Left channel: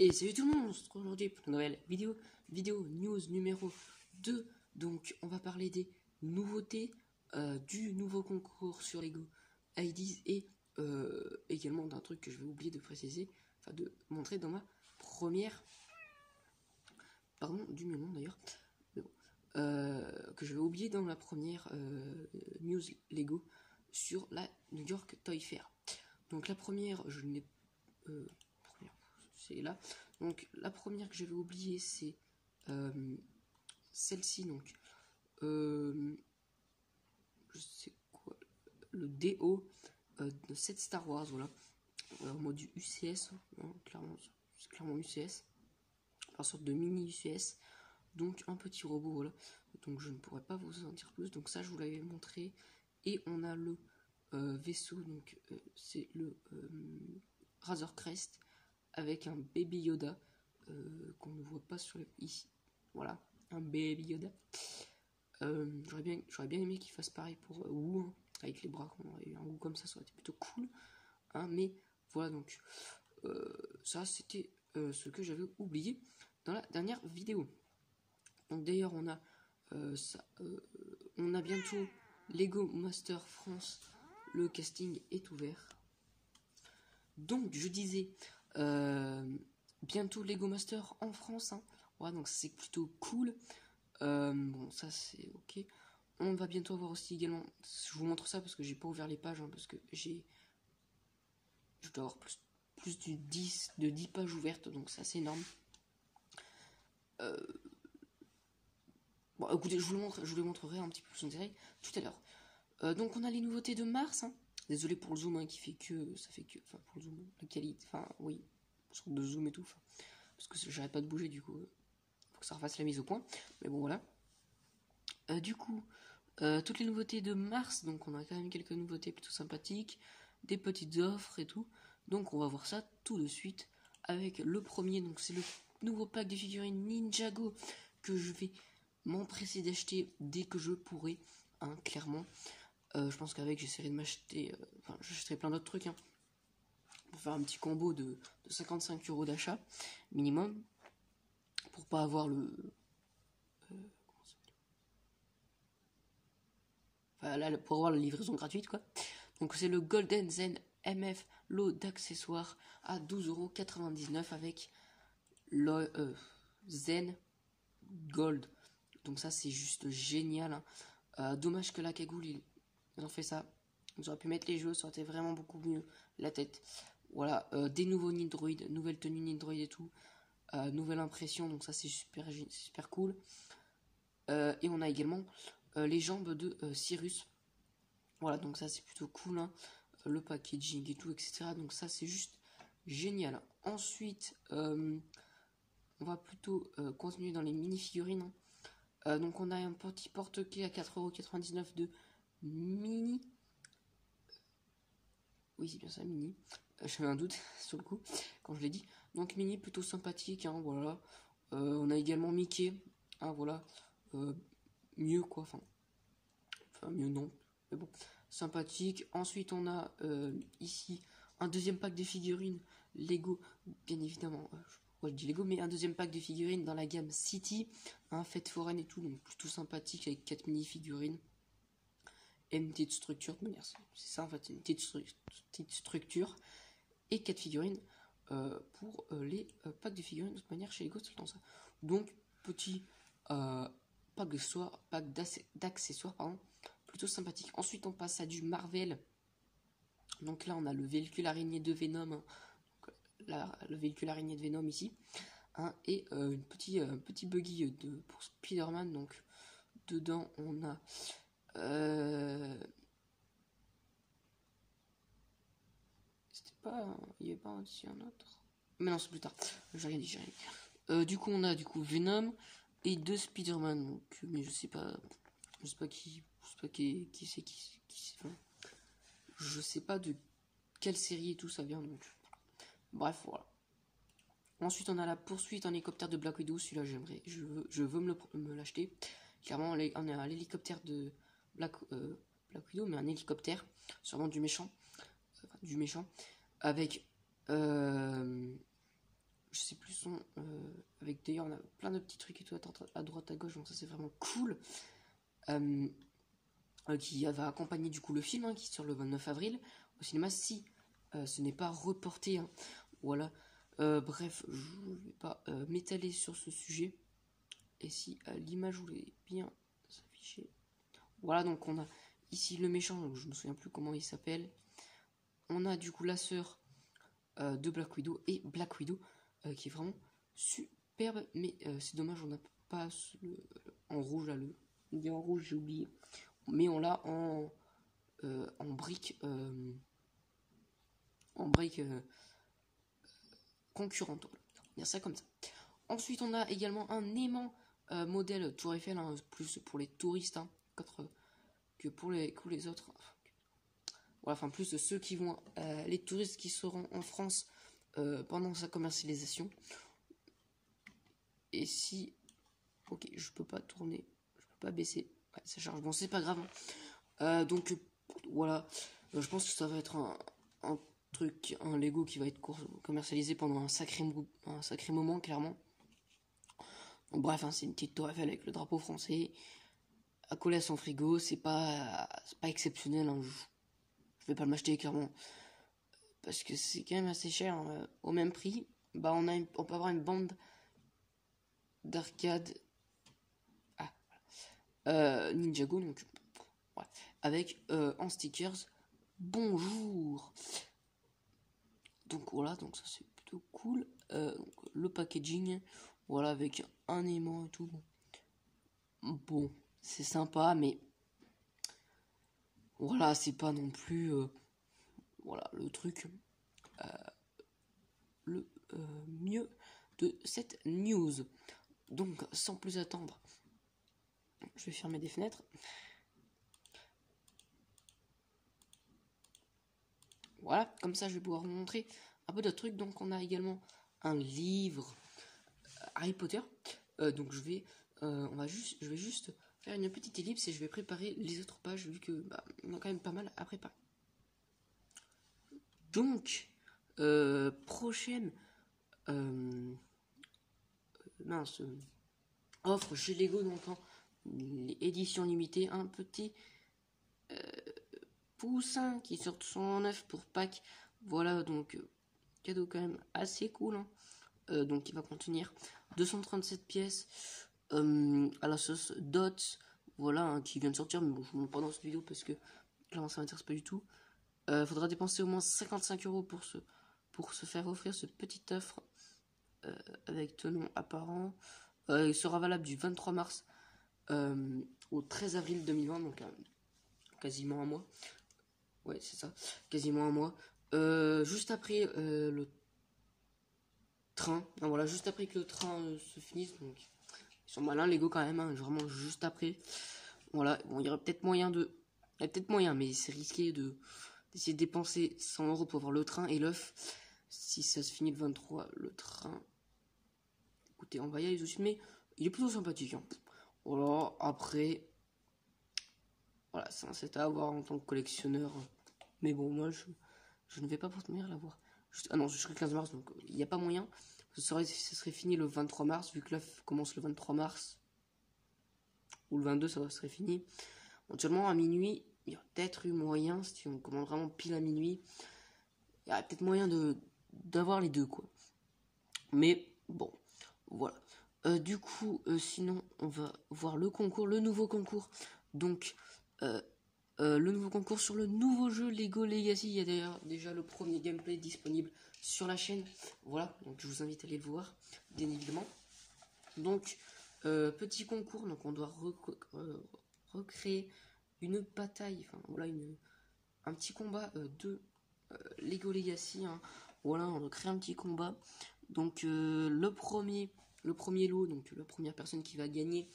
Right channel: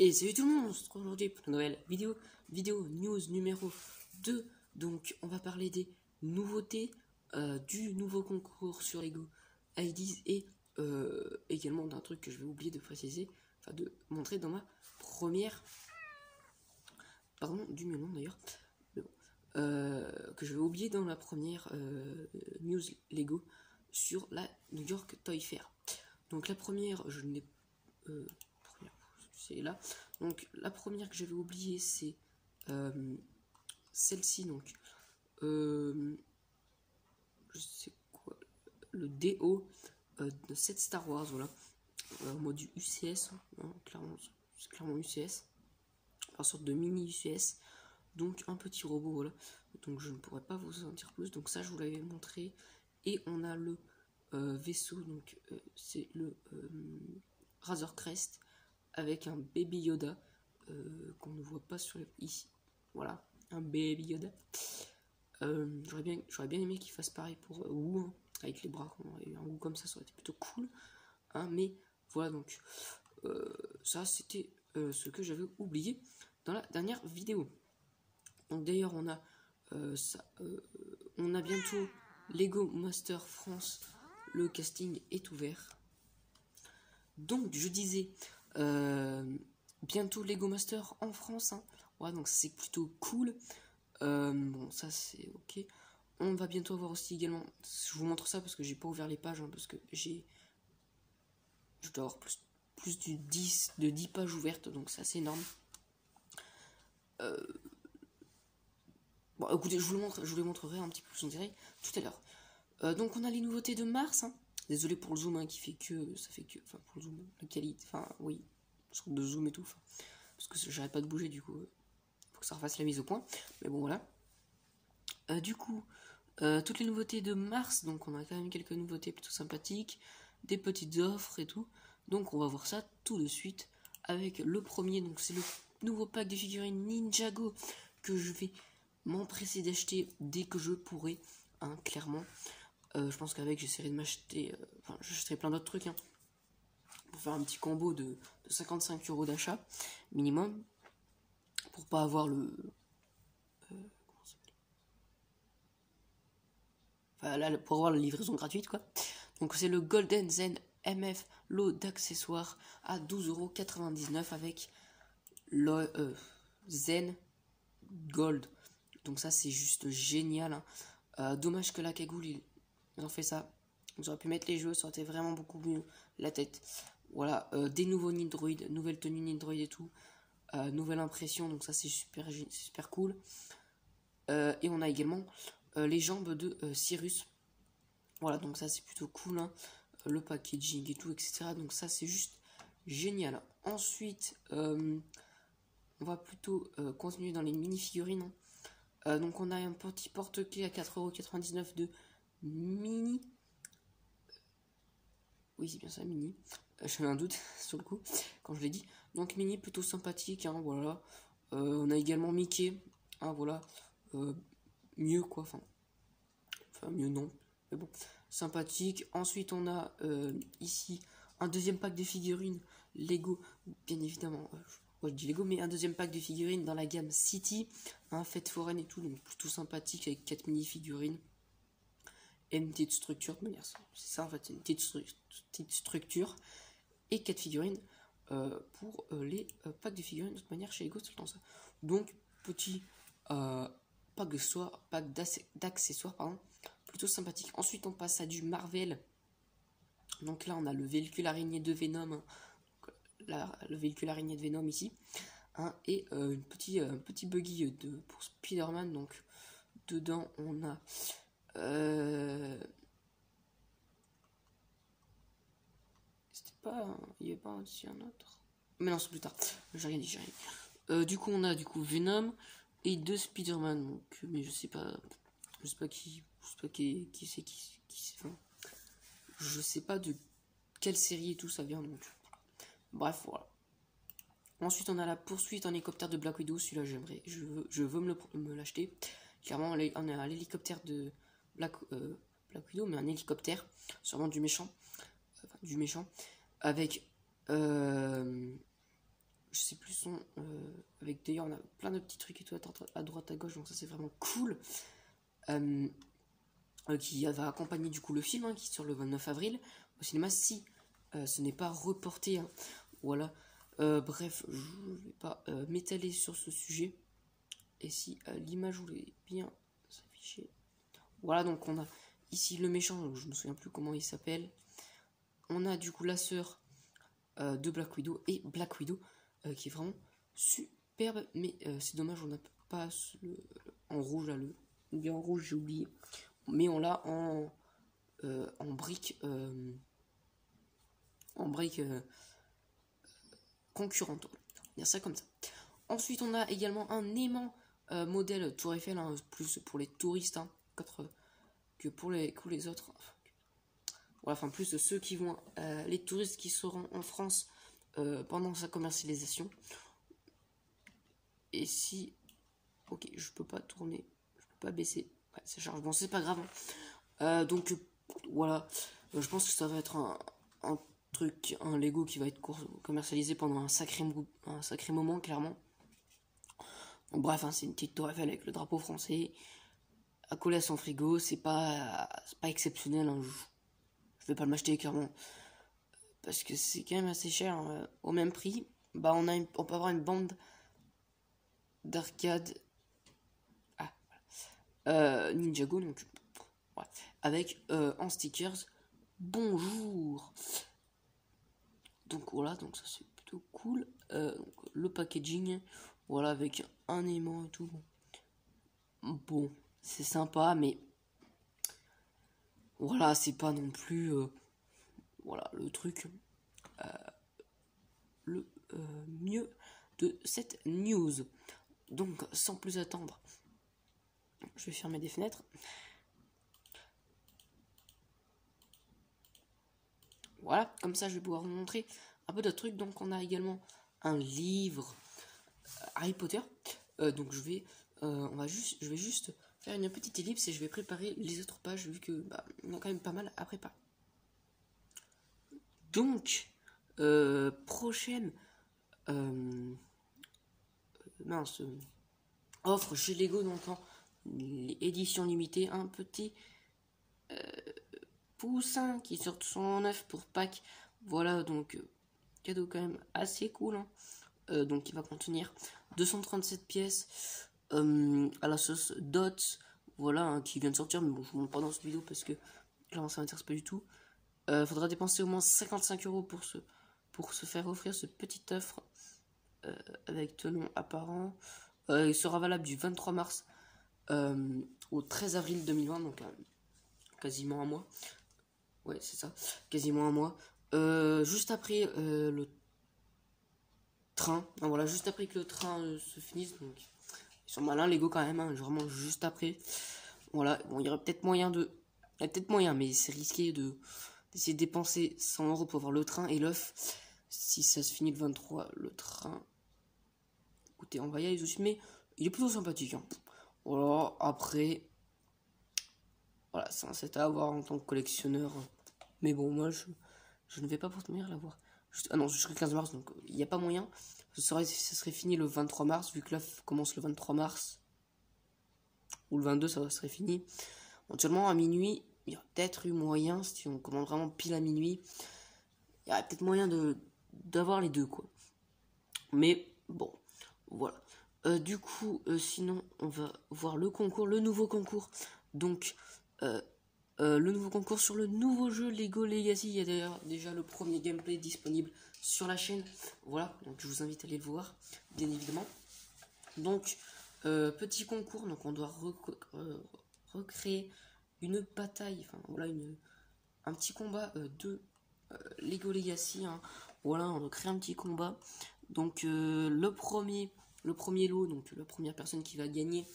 Et salut tout le monde, on se retrouve aujourd'hui pour une nouvelle vidéo news numéro 2. Donc on va parler des nouveautés du nouveau concours sur Lego IDs et également d'un truc que je vais oublier de préciser, enfin de montrer dans ma première, pardon, du melon d'ailleurs, que je vais oublier dans la première news Lego sur la New York Toy Fair. Donc la première, je n'ai c'est là. Donc la première que j'avais oubliée, c'est celle-ci. Donc je sais quoi, le DO de 7 Star Wars, voilà, en mode du UCS, hein, clairement, c'est clairement UCS, en sorte de mini UCS. Donc un petit robot, voilà. Donc je ne pourrais pas vous en dire plus. Donc ça, je vous l'avais montré. Et on a le vaisseau, donc c'est le Razor Crest avec un Baby Yoda qu'on ne voit pas sur ici. Voilà, un Baby Yoda. J'aurais bien aimé qu'il fasse pareil pour Wu, hein, avec les bras. On aurait eu un Wu comme ça aurait été plutôt cool. Hein, mais voilà, donc ça c'était ce que j'avais oublié dans la dernière vidéo. Donc d'ailleurs on a on a bientôt Lego Master France. Le casting est ouvert. Donc je disais bientôt Lego Master en France, hein. Voilà, donc c'est plutôt cool. Bon, ça c'est ok. On va bientôt avoir aussi également, je vous montre ça parce que j'ai pas ouvert les pages, hein, parce que je dois avoir plus de 10 pages ouvertes, donc c'est assez énorme. Bon, écoutez, je vous les montrerai un petit peu plus en direct tout à l'heure. Donc on a les nouveautés de mars, hein. Désolé pour le zoom, hein, qui fait que, ça fait que, enfin pour le zoom, de qualité, enfin oui, sorte de zoom et tout, parce que j'arrête pas de bouger, du coup, faut que ça refasse la mise au point, mais bon voilà. Du coup, toutes les nouveautés de mars, donc on a quand même quelques nouveautés plutôt sympathiques, des petites offres et tout, donc on va voir ça tout de suite avec le premier. Donc c'est le nouveau pack de figurines Ninjago que je vais m'empresser d'acheter dès que je pourrai, hein, clairement. Je pense qu'avec j'essaierai de m'acheter, enfin j'achèterai plein d'autres trucs, hein, pour faire un petit combo de 55 € d'achat minimum, pour pas avoir le enfin, là, pour avoir la livraison gratuite, quoi. Donc c'est le Golden Zen MF lot d'accessoires à 12,99 € avec le Zen Gold. Donc ça c'est juste génial, hein. Dommage que la cagoule ils ont fait ça. Ils auraient pu mettre les jeux, ça aurait été vraiment beaucoup mieux la tête. Voilà, des nouveaux Nindroid, nouvelle tenue Nindroid et tout, nouvelle impression, donc ça c'est super cool. Et on a également les jambes de Cyrus. Voilà, donc ça c'est plutôt cool, hein. Le packaging et tout, etc. Donc ça c'est juste génial. Ensuite, on va plutôt continuer dans les mini-figurines, hein. Donc on a un petit porte-clés à 4,99 € de mini. Oui, c'est bien ça, mini. J'avais un doute sur le coup quand je l'ai dit. Donc mini plutôt sympathique, hein, voilà. On a également Mickey, hein, voilà. Mieux quoi, enfin mieux non, mais bon, sympathique. Ensuite on a ici un deuxième pack de figurines Lego, bien évidemment. Je dis Lego, mais un deuxième pack de figurines dans la gamme City, hein, fête foraine et tout, donc plutôt sympathique avec 4 mini figurines et une petite structure de manière, c'est ça en fait, une petite structure et 4 figurines pour les packs de figurines de toute manière chez Lego, c'est dans ça. Donc petit pack d'accessoires, pardon, plutôt sympathique. Ensuite on passe à du Marvel. Donc là on a le véhicule araignée de Venom, hein. Le véhicule araignée de Venom ici, hein, et un petit buggy pour Spider-Man. Donc dedans on a c'était pas, il y avait pas aussi un autre, mais non c'est plus tard, j'ai rien dit. Du coup on a Venom et 2 Spider-Man, donc mais je sais pas qui c'est, enfin, je sais pas de quelle série et tout ça vient, donc bref voilà. Ensuite on a la poursuite en hélicoptère de Black Widow, celui-là j'aimerais, je veux me l'acheter. Clairement on a l'hélicoptère de Black Widow, mais un hélicoptère, sûrement du méchant, avec je je sais plus son, avec d'ailleurs on a plein de petits trucs et tout à droite à gauche, donc ça c'est vraiment cool. Qui va accompagner du coup le film, hein, qui sort le 29 avril au cinéma, si ce n'est pas reporté, hein. Voilà. Bref, je ne vais pas m'étaler sur ce sujet. Et si l'image voulait bien s'afficher. Voilà, donc on a ici le méchant, donc je ne me souviens plus comment il s'appelle. On a du coup la sœur de Black Widow et Black Widow qui est vraiment superbe, mais c'est dommage, on n'a pas en rouge là, le bien en rouge, j'ai oublié. Mais on l'a en brique concurrente. On va dire ça comme ça. Ensuite, on a également un aimant modèle Tour Eiffel, hein, plus pour les touristes, hein, que pour les autres. Voilà, enfin, plus de ceux qui vont, les touristes qui seront en France pendant sa commercialisation. Et si, ok, je peux pas tourner, je peux pas baisser, ouais, ça charge. Bon, c'est pas grave. Donc voilà, je pense que ça va être un truc, un Lego qui va être commercialisé pendant un sacré moment, clairement. Donc, bref, hein, c'est une petite tour Eiffel avec le drapeau français à coller à son frigo. C'est pas exceptionnel, hein. Je vais pas le m'acheter clairement parce que c'est quand même assez cher, hein. Au même prix, bah on peut avoir une bande d'arcade Ninjago, donc ouais, avec en stickers bonjour. Donc voilà, donc ça c'est plutôt cool. Donc, le packaging, voilà, avec un aimant et tout. Bon, c'est sympa, mais voilà, c'est pas non plus voilà le truc le mieux de cette news. Donc sans plus attendre, je vais fermer des fenêtres. Voilà, comme ça je vais pouvoir vous montrer un peu de trucs. Donc on a également un livre Harry Potter. Donc je vais juste faire une petite ellipse et je vais préparer les autres pages vu que il y a quand même pas mal à préparer. Donc prochaine offre chez Lego, donc en édition limitée, un petit poussin qui sort son œuf pour Pâques. Voilà, donc cadeau quand même assez cool, hein. Donc il va contenir 237 pièces à la sauce Dots, voilà, hein, qui vient de sortir, mais bon, je vous montre pas dans cette vidéo parce que clairement ça m'intéresse pas du tout. Faudra dépenser au moins 55 € pour se faire offrir ce petit offre avec tenon apparent. Il sera valable du 23 mars au 13 avril 2020, donc quasiment un mois. Ouais, c'est ça, quasiment un mois. Juste après le train, non, voilà, juste après que le train se finisse, donc ils sont malins Lego quand même, hein, vraiment juste après. Voilà, bon, il y aurait peut-être moyen mais c'est risqué d'essayer de dépenser 100 € pour avoir le train et l'œuf. Si ça se finit le 23, le train, écoutez, on va y aller dessus, mais il est plutôt sympathique, hein. Voilà, après, voilà, c'est un set à avoir en tant que collectionneur, mais bon, moi je ne vais pas pour tenir l'avoir. Ah non, jusqu'au 15 mars, donc il n'y a pas moyen. Ça serait fini le 23 mars, vu que l'œuf commence le 23 mars. Ou le 22, ça serait fini. Éventuellement, à minuit, il y a peut-être eu moyen, si on commande vraiment pile à minuit, il y a peut-être moyen d'avoir les deux, quoi. Mais bon, voilà. Du coup, sinon, on va voir le concours, le nouveau concours. Donc, le nouveau concours sur le nouveau jeu Lego Legacy. Il y a d'ailleurs déjà le premier gameplay disponible sur la chaîne. Voilà, donc je vous invite à aller le voir, bien évidemment. Donc, petit concours, donc on doit recréer une bataille, enfin voilà, un petit combat de Lego Legacy, hein. Voilà, on recrée un petit combat. Donc le premier lot, donc la première personne qui va gagner,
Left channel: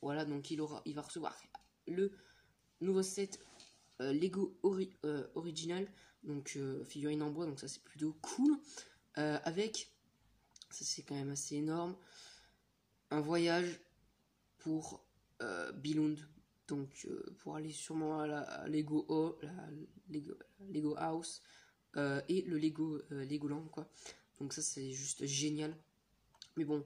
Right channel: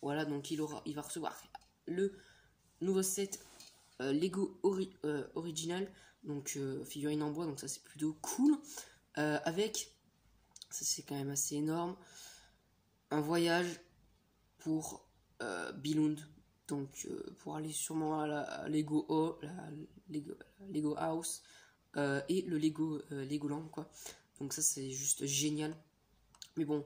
voilà, donc il va recevoir le nouveau set Lego Original, donc figurine en bois, donc ça c'est plutôt cool, avec, ça c'est quand même assez énorme, un voyage pour Billund, donc pour aller sûrement à la Lego House et le Legoland, quoi. Donc ça c'est juste génial. Mais bon,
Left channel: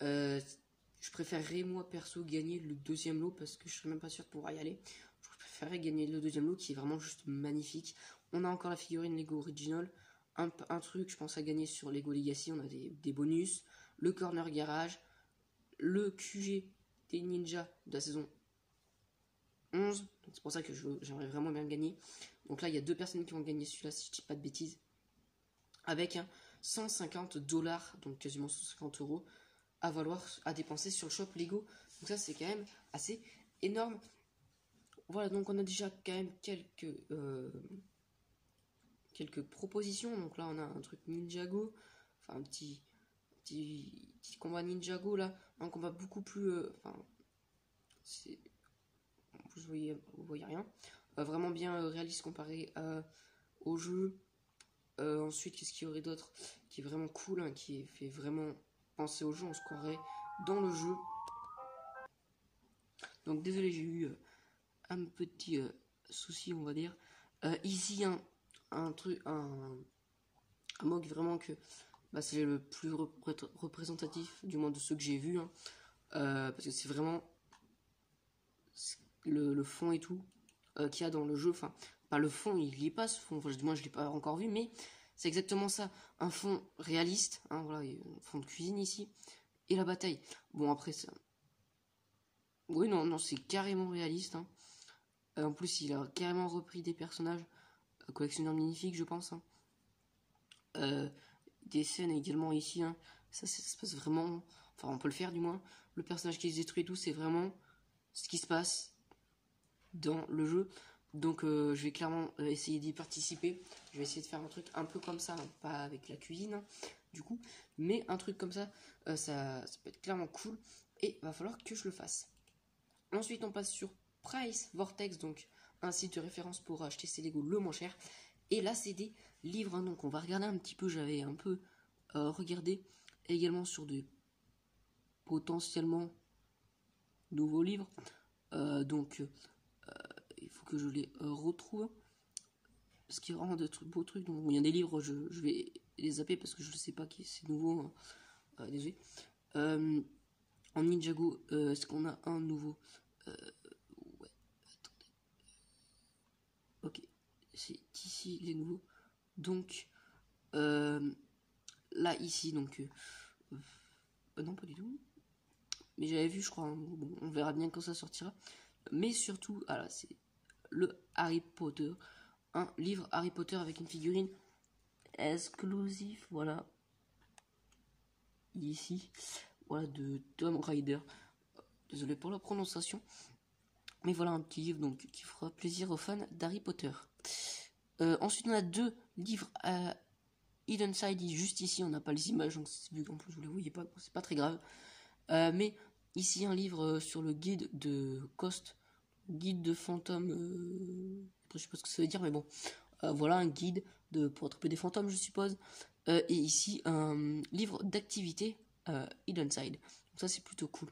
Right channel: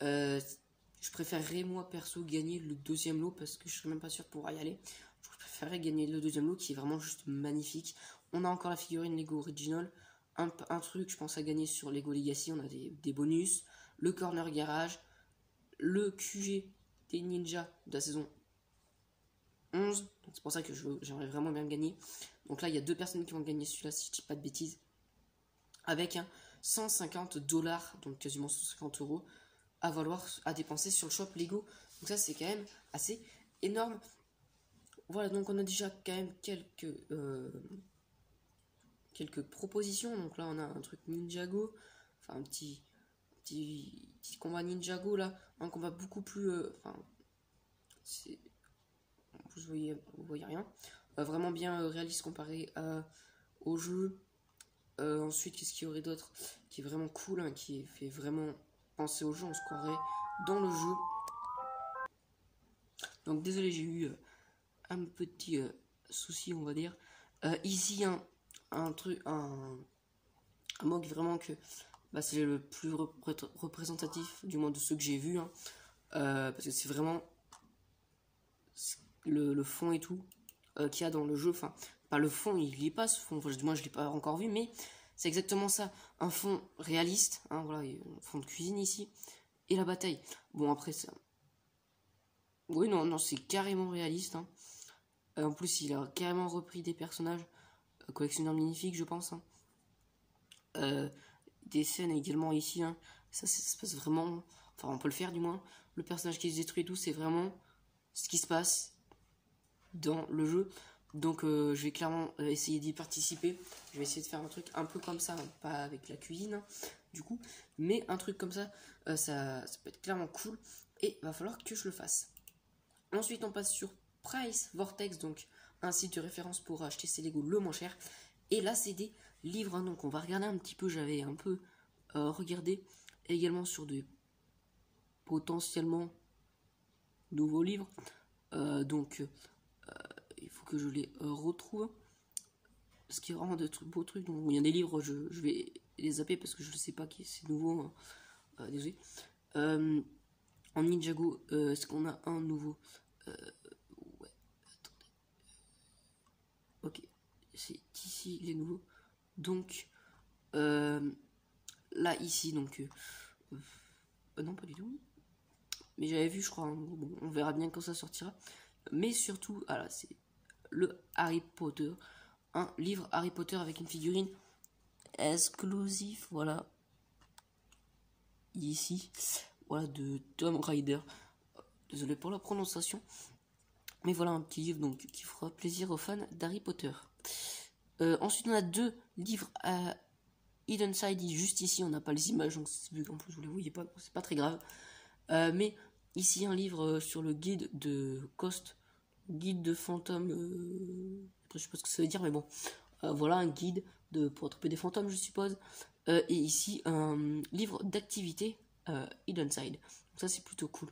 je préférerais moi perso gagner le deuxième lot parce que je serais même pas sûr de pouvoir y aller. Je préférerais gagner le deuxième lot qui est vraiment juste magnifique. On a encore la figurine Lego Original. Un truc, je pense à gagner sur Lego Legacy. On a des bonus. Le Corner Garage. Le QG des Ninjas de la saison 11. C'est pour ça que j'aimerais vraiment bien gagner. Donc là, il y a 2 personnes qui vont gagner celui-là, si je dis pas de bêtises. Avec un 150 $, donc quasiment 150 € à dépenser sur le shop Lego. Donc ça, c'est quand même assez énorme. Voilà, donc on a déjà quand même quelques propositions. Donc là, on a un truc Ninjago. Enfin, un petit combat Ninjago là. Un combat beaucoup plus... vous voyez rien. Vraiment bien réaliste comparé au jeu. Ensuite, qu'est-ce qu'il y aurait d'autre qui est vraiment cool, hein, qui fait vraiment penser au jeu, on se croirait dans le jeu. Donc désolé, j'ai eu un petit souci, on va dire. Ici, un mog vraiment que c'est le plus représentatif, du moins de ceux que j'ai vus, hein, parce que c'est vraiment le fond et tout qu'il y a dans le jeu. Enfin, pas le fond, il y est pas ce fond, enfin, moi je l'ai pas encore vu, mais c'est exactement ça, un fond réaliste, hein, voilà, un fond de cuisine ici, et la bataille. Bon, après ça, oui, non, c'est carrément réaliste, hein. En plus, il a carrément repris des personnages collectionneurs magnifiques, je pense, hein. Des scènes également ici, hein. Ça se passe vraiment, enfin on peut le faire du moins, le personnage qui se détruit et tout, c'est vraiment ce qui se passe dans le jeu. Donc je vais clairement essayer d'y participer. Je vais essayer de faire un truc un peu comme ça, pas avec la cuisine, hein, du coup, mais un truc comme ça, ça peut être clairement cool, et il va falloir que je le fasse. Ensuite, on passe sur Price Vortex, donc un site de référence pour acheter ses Lego le moins cher. Et là, c'est des livres, hein, donc on va regarder un petit peu. J'avais un peu regardé également sur des potentiellement nouveaux livres. Donc, il faut que je les retrouve. Parce qu'il y a vraiment des beaux trucs. Donc, il y a des livres, je vais les zapper parce que je ne sais pas qui c'est nouveau. Hein. Désolé. En Ninjago, est-ce qu'on a un nouveau? Ouais, attendez. Ok, c'est ici les nouveaux. Donc, là, ici, donc... non, pas du tout. Mais j'avais vu, je crois. Hein, bon, on verra bien quand ça sortira. Mais surtout, là, c'est le Harry Potter. Un livre Harry Potter avec une figurine exclusive, voilà. Ici, voilà, de Tom Rider. Désolé pour la prononciation. Mais voilà un petit livre donc qui fera plaisir aux fans d'Harry Potter. Ensuite, on a 2 livres Hidden Side, juste ici, on n'a pas les images, donc vu qu'en plus vous les voyez pas, c'est pas très grave. Mais ici, un livre sur le guide de Coast, guide de fantômes. Je sais pas ce que ça veut dire, mais bon. Voilà, un guide pour attraper des fantômes, je suppose. Et ici, un livre d'activité Hidden Side. Donc ça, c'est plutôt cool.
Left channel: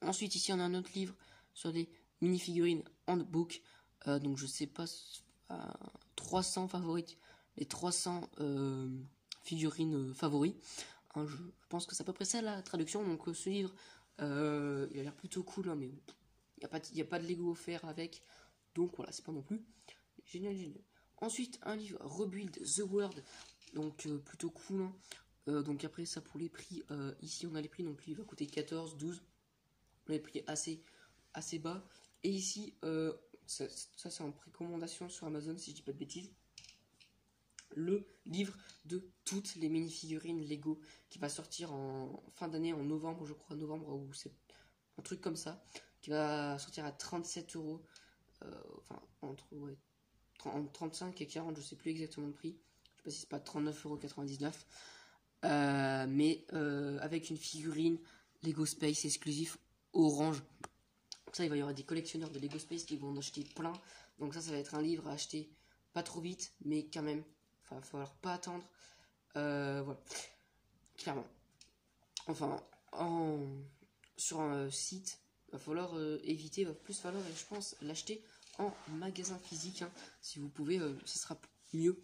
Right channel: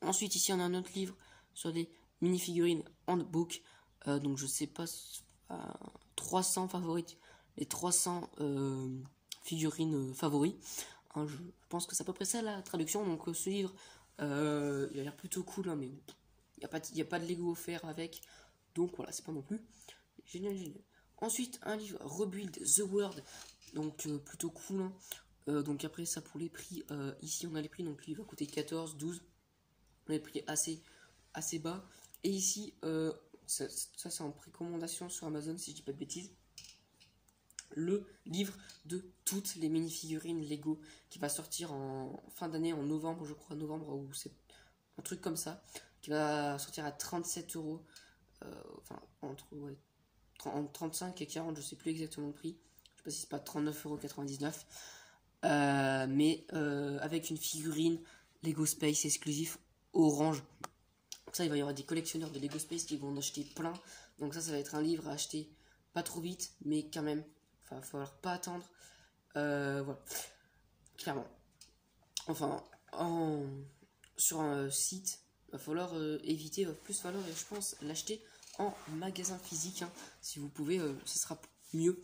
Ensuite, ici, on a un autre livre sur des mini-figurines handbook. Donc, je sais pas, 300 favorites. Les 300 figurines favoris. Hein, je pense que c'est à peu près ça la traduction. Donc, ce livre, il a l'air plutôt cool, hein, mais il n'y a pas de Lego offert avec. Donc, voilà, c'est pas non plus génial. Ensuite, un livre Rebuild the World. Donc, plutôt cool. Hein. Donc, après, ça pour les prix. Ici, on a les prix. Donc, le livre va coûter 14, 12. On a les prix assez bas. Et ici, ça c'est en précommandation sur Amazon, si je dis pas de bêtises. Le livre de toutes les mini-figurines Lego qui va sortir en fin d'année, en novembre, je crois, novembre, ou c'est un truc comme ça, qui va sortir à 37 €. Enfin, entre 35 et 40, je sais plus exactement le prix. Je sais pas si c'est pas 39,99 €. Mais avec une figurine Lego Space exclusif orange. Donc ça, il va y avoir des collectionneurs de Lego Space qui vont en acheter plein. Donc ça va être un livre à acheter pas trop vite, mais quand même. Enfin, il va falloir pas attendre. Voilà. Clairement. Enfin, sur un site, il va falloir éviter, il va plus falloir, je pense, l'acheter en magasin physique. Hein. Si vous pouvez, ce sera mieux,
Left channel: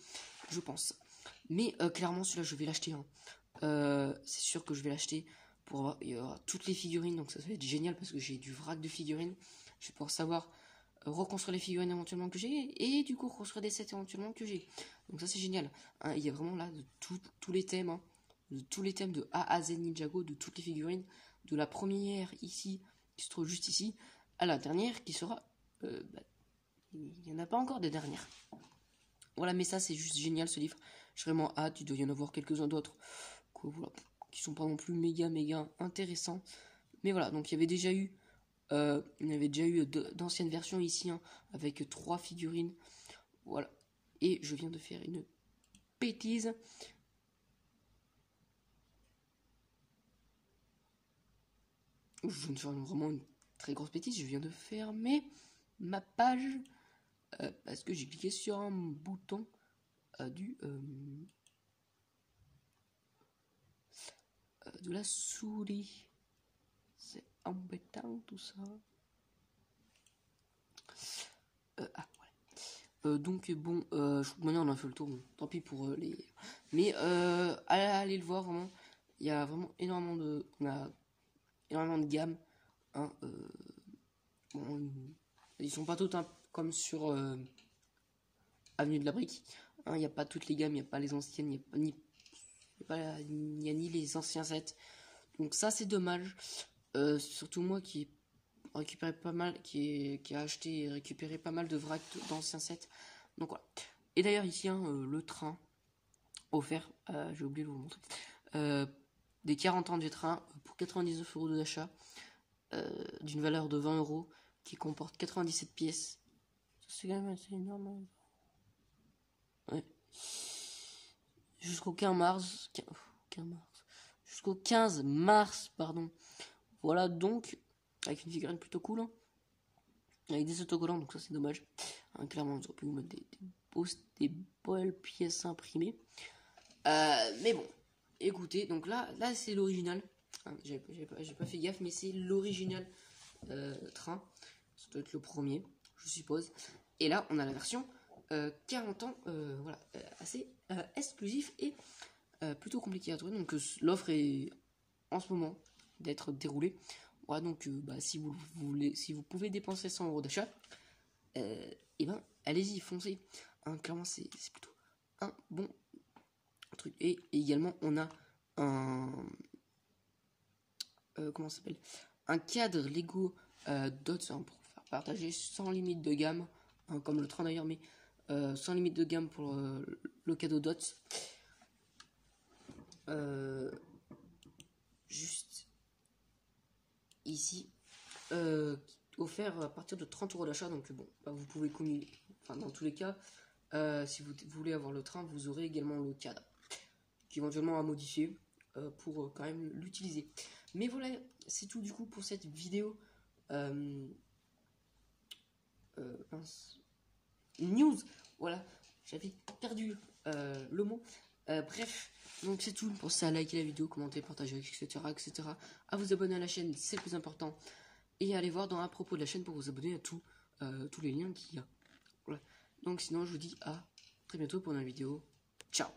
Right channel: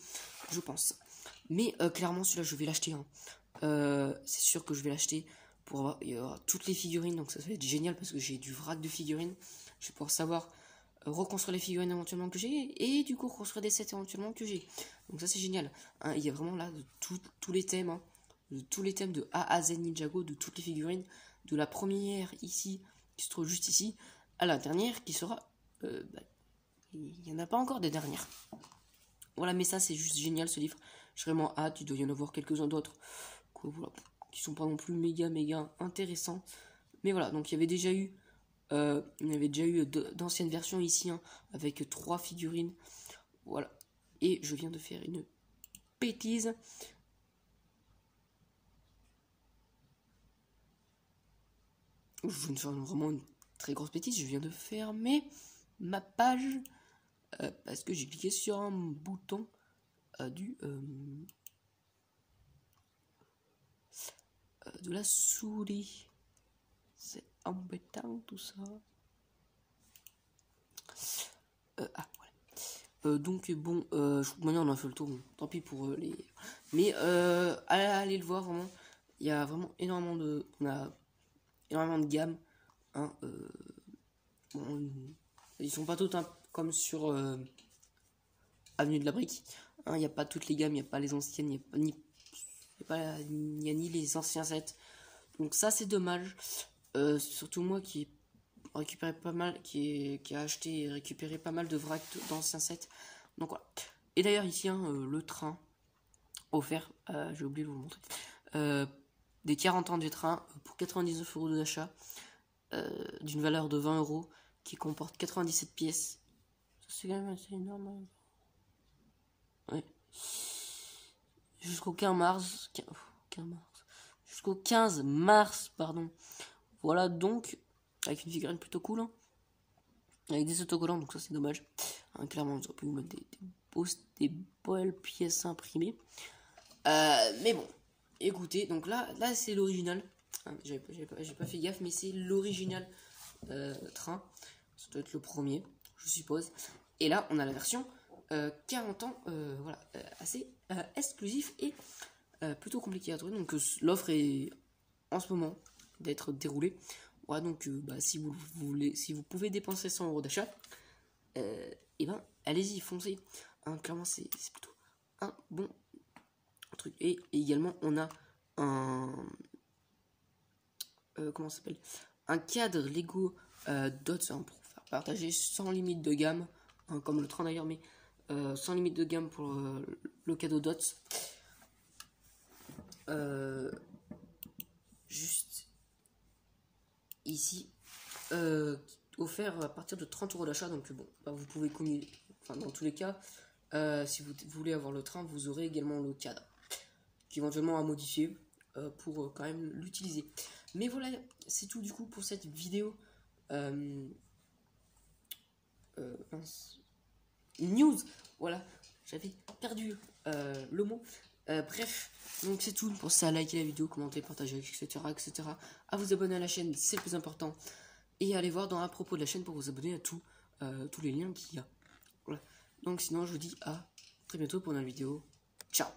je pense. Mais clairement, celui-là, je vais l'acheter. Hein. c'est sûr que je vais l'acheter pour avoir toutes les figurines. Donc ça va être génial parce que j'ai du vrac de figurines. Je vais pouvoir savoir reconstruire les figurines éventuellement que j'ai et du coup reconstruire des sets éventuellement que j'ai. Donc ça c'est génial. Hein, il y a vraiment là de tous les thèmes, hein, de tous les thèmes de A à Z Ninjago, de toutes les figurines, de la première ici qui se trouve juste ici à la dernière qui sera il n'y en a pas encore des dernières. Voilà, mais ça c'est juste génial ce livre. J'ai vraiment hâte. Il doit y en avoir quelques-uns d'autres voilà, qui sont pas non plus méga intéressants. Mais voilà, donc il y avait déjà eu d'anciennes versions ici, hein, avec 3 figurines. Voilà. Et je viens de faire une bêtise. Je viens de faire vraiment une très grosse bêtise. Je viens de fermer ma page parce que j'ai cliqué sur un bouton de la souris. C'est embêtant tout ça. Donc bon, maintenant on a fait le tour, bon, tant pis pour les... Mais allez le voir vraiment, il y a vraiment énormément de... On a énormément de gammes, hein, bon, ils sont pas tous hein, comme sur Avenue de la Brique, hein, il n'y a pas toutes les gammes, il n'y a pas les anciennes, il n'y a ni les anciens sets, donc ça c'est dommage, surtout moi qui récupéré pas mal, qui a acheté et récupéré pas mal de vrac d'anciens sets. Donc voilà. Et d'ailleurs ici hein, le train offert, j'ai oublié de vous montrer, des 40 ans du train pour 99 € d'achat, d'une valeur de 20 € qui comporte 97 pièces. C'est quand même assez énorme. Ouais. Jusqu'au 15 mars. Jusqu'au 15 mars, pardon. Voilà donc. Avec une figurine plutôt cool, hein. Avec des autocollants, donc ça c'est dommage. Hein, clairement, j'aurais pu vous mettre des belles pièces imprimées. Mais bon, écoutez, donc là c'est l'original. Hein, j'ai pas fait gaffe, mais c'est l'original train. Ça doit être le premier, je suppose. Et là, on a la version 40 ans, voilà, assez exclusif et plutôt compliqué à trouver. Donc l'offre est en ce moment d'être déroulée. Voilà, donc si vous pouvez dépenser 100 € d'achat, et ben allez-y, foncez. Hein, clairement, c'est plutôt un bon truc. Et également, on a un comment ça s'appelle, un cadre Lego Dots, hein, pour faire partager sans limite de gamme, hein, comme le train d'ailleurs, mais sans limite de gamme pour le cadeau Dots. Juste ici, offert à partir de 30 € d'achat. Donc bon, vous pouvez communiquer. Enfin, dans tous les cas, si vous voulez avoir le train, vous aurez également le cadre, qui éventuellement à modifier pour quand même l'utiliser. Mais voilà, c'est tout du coup pour cette vidéo. News, voilà, j'avais perdu le mot. Bref, donc c'est tout. Pensez à liker la vidéo, commenter, partager, etc. À vous abonner à la chaîne, c'est le plus important. Et allez voir dans à propos de la chaîne pour vous abonner à tous les liens qu'il y a. Voilà. Donc sinon, je vous dis à très bientôt pour une vidéo. Ciao.